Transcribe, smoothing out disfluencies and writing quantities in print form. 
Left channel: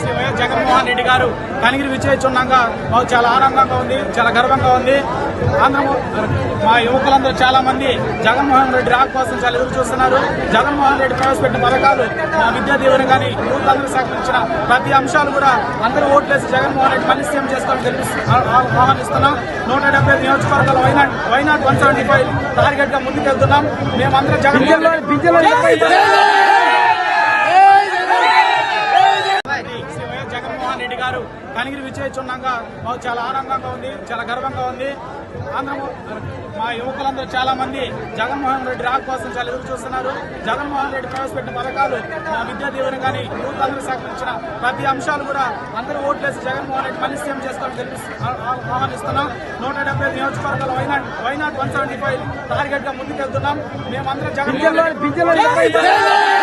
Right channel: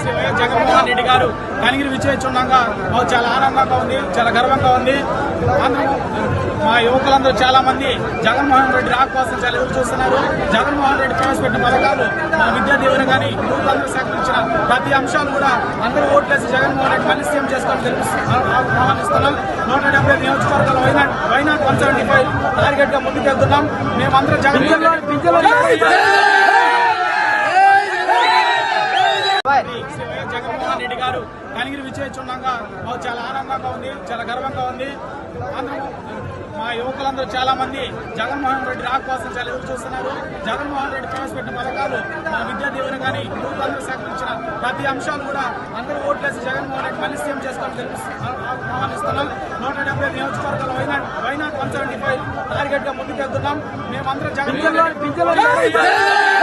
Shri YS Jaganmohan Reddy గారు కనిగిరి విచ్చేస్తున్నాగా మాకు చాలా ఆనందంగా ఉంది, చాలా గర్వంగా ఉంది. మా యువకులందరూ చాలా మంది జగన్మోహన్ రెడ్డి రాక కోసం చాలా ఎదురు చూస్తున్నారు. జగన్మోహన్ రెడ్డి ప్రవేశపెట్టిన పథకాలు, మా విద్యా దీవెన కానీ యూత్ అందరూ సేకరించిన ప్రతి అంశాలు కూడా అందరూ ఓట్లేసి జగన్మోహన్ రెడ్డి మళ్ళీ సీఎం చేసుకోవాలని ఆహ్వానిస్తున్నాం. 175 నియోజకవర్గాలు వైనాట్ 175 టార్గెట్ గా ముందుకెళ్తున్నాం. మేమందరం జగన్మోహన్ రెడ్డి శ్రీ వైఎస్ జగన్మోహన్ రెడ్డి గారు కనిగిరి విచ్చేస్తున్నాగా మాకు చాలా ఆనందంగా ఉంది, చాలా గర్వంగా ఉంది. మా యువకులందరూ చాలా మంది జగన్మోహన్ రెడ్డి రాక కోసం చాలా ఎదురు చూస్తున్నారు. జగన్మోహన్ రెడ్డి ప్రవేశపెట్టిన పథకాలు, మా విద్యా దీవెన కానీ యూత్ అందరూ సేకరించిన ప్రతి అంశాలు కూడా అందరూ ఓట్లేసి జగన్మోహన్ రెడ్డి మళ్ళీ సీఎం చేసుకోవాలని ఆహ్వానిస్తున్నాం. 175 నియోజకవర్గాలు వైనాట్ 175 టార్గెట్ గా ముందుకెళ్తున్నాం. మేమందరం జగన్మోహన్ రెడ్డి